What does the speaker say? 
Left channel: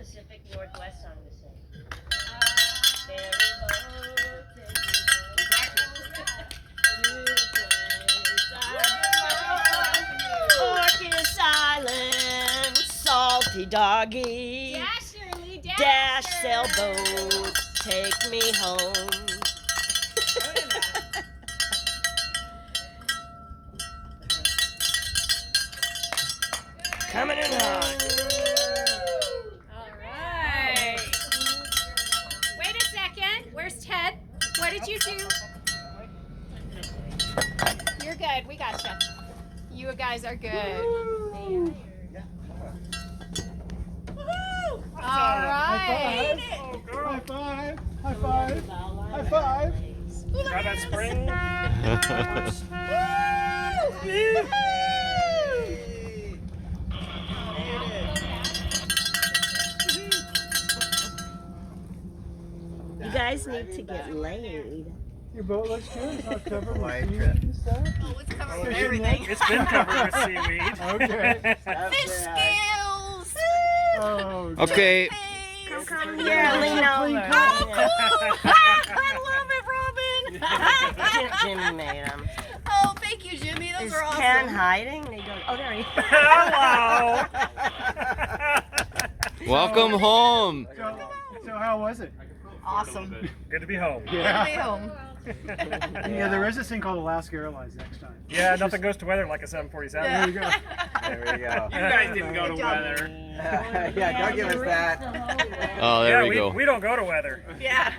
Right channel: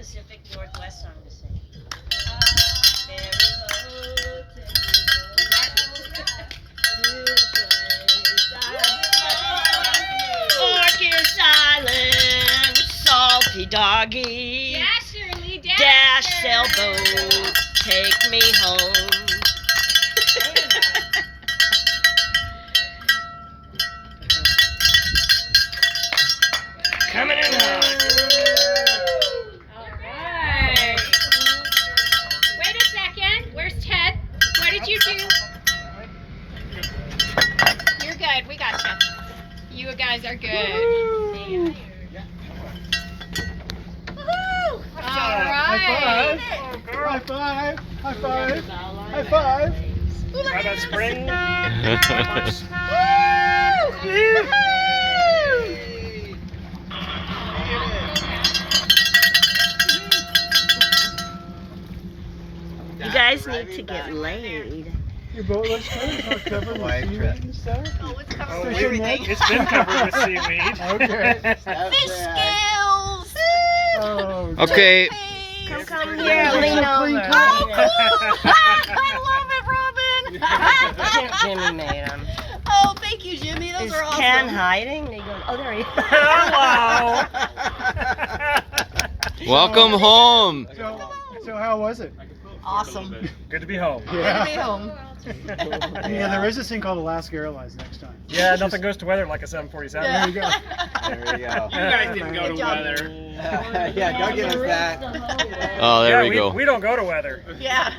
Pacific Northwest song to sing. Ferry boat, Orcas Island, salty doggy. Dash, Shirley, dash. Dash sailboat, take me home. Coming in hot. Alright. Wait a second. Where's Ted? What did you do? You're good. We got you. You guys are good. Alright. High five! High five! High five! Got that spring? You guys need to get laid. Your boat looks good. It's not covered with seaweed and stuff. Oh, it's covered Oh, with everything. everything. It's been covered with seaweed. Okay. Fish scales. Oh, Okay. Come here, lean over. Oh, cool. I love it, Robin. Jimmy made them. Oh, thank you, Jimmy. Those Is are awesome. Ken hiding? They go, oh, there he is. Hello. Welcome home. So how was it? Awesome. Good to be home. Good to be home. Yeah, there is this thing called Alaska Airlines next time. Yeah, nothing goes to weather like a 747. There you go. There we go. You guys didn't Good job. Yeah, don't give us that. Oh, there yeah, we go. We don't go to weather. Yeah.